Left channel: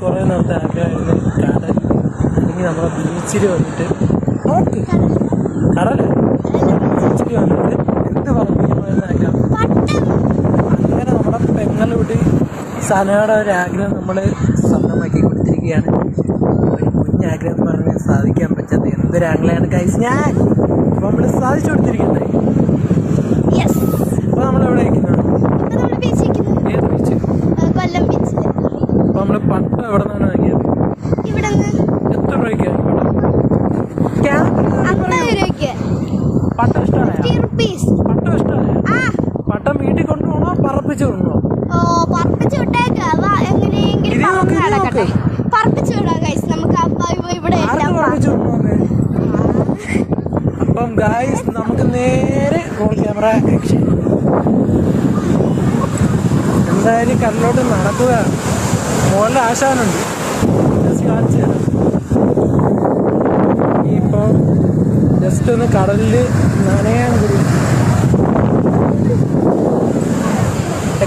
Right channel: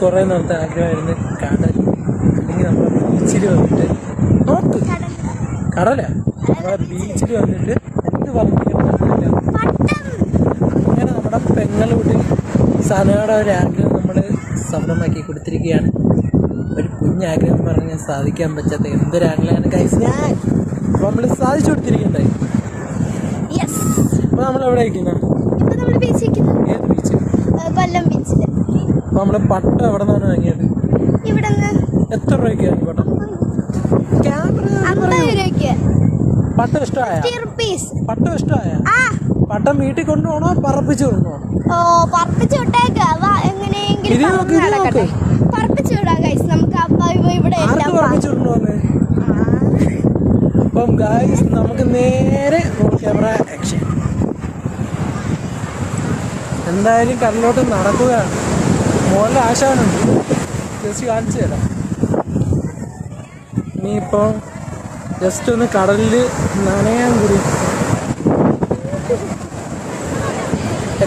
കുറെ നേരത്തെ ആഗ്രഹമായിരുന്നു കടൽ, അല്ലെങ്കിൽ നമ്മുടെ ബീച്ചിൽ വന്നിട്ട് നോക്ക് കടല് നമ്മുടെ ബീച്ചിൽ വന്നിട്ട് എന്ത് പറഞ്ഞു അങ്ങനെ നമ്മുടെ പെങ്ങളോട് സനയുടെ ഒരു ആഗ്രഹം നമ്മൾ സഫലമാക്കി കൊടുത്തിരിക്കുകയാണ്. ഒരു കുഞ്ഞാഗ്രഹം എന്ന് പറഞ്ഞാൽ സാധിക്കാൻ പറ്റാത്ത എന്തൊരാഗ്രഹമാണ് ഗൈസ് ഞാൻ അപ്പോൾ നമ്മൾ സാധിച്ചു കൊടുത്തിരിക്കുന്നത്. അപ്പോൾ നമ്മളെവിടെ ഇരിക്കുന്നത്? ഏത് ബീച്ച്? അപ്പോൾ നമ്മൾ പട്ടം എവിടെ നിന്നാണ് വാങ്ങിയത്? എത്ര രൂപയ്ക്കാണ് പട്ടം? ഇഷ്ടമായ പട്ടം? ഇഷ്ടമായ പട്ടം വീട്ടിൽ കൊണ്ടുപോകണോ പറപ്പിച്ച് കൊണ്ടുപോകണോ? പറപ്പിച്ചു വിട്ടേക്ക് എങ്ങനെയെങ്കിലും പറപ്പിച്ചു വിടാം ഗൈസ്. നമുക്ക് ഇവിടെ അപ്പം ഗൈസ് നമുക്ക് നേരെ റോൾ ക്യാമറ ആക്ഷൻ. എന്തായാലും കടലിലോട്ട് നടക്കുക. മോളിൽ ആശാനുണ്ട്, ജസ്റ്റ് കാണിച്ചു തരാം. ഇനിയിപ്പോൾ ജസ്റ്റ് ഒന്ന് കടലിൽ നനയാൻ കൂടി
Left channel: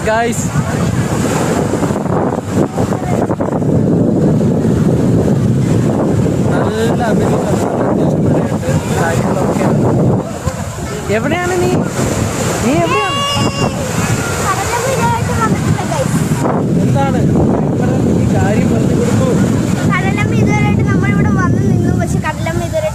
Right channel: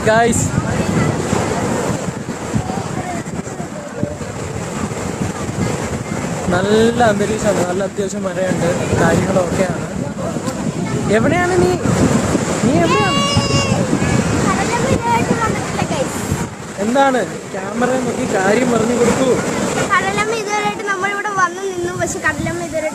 ഗൈസ്. നല്ല അന്തരീക്ഷമാണ്, നല്ല അത്യാവശ്യം മഴയുണ്ട്, കാര്യങ്ങളൊക്കെയാണ്. എവിടെയാണ് നീ എവിടെയാണ്? എന്താണ് ക്യാമറ നോക്കി കാര്യം പറഞ്ഞു കൊടുക്കൂ. കടലമ്മ ഇതുവരെയായിട്ട് നമ്മളിവിടെ വന്നു നിന്നു, പക്ഷെ കടലമ്മ ഇതുവരെ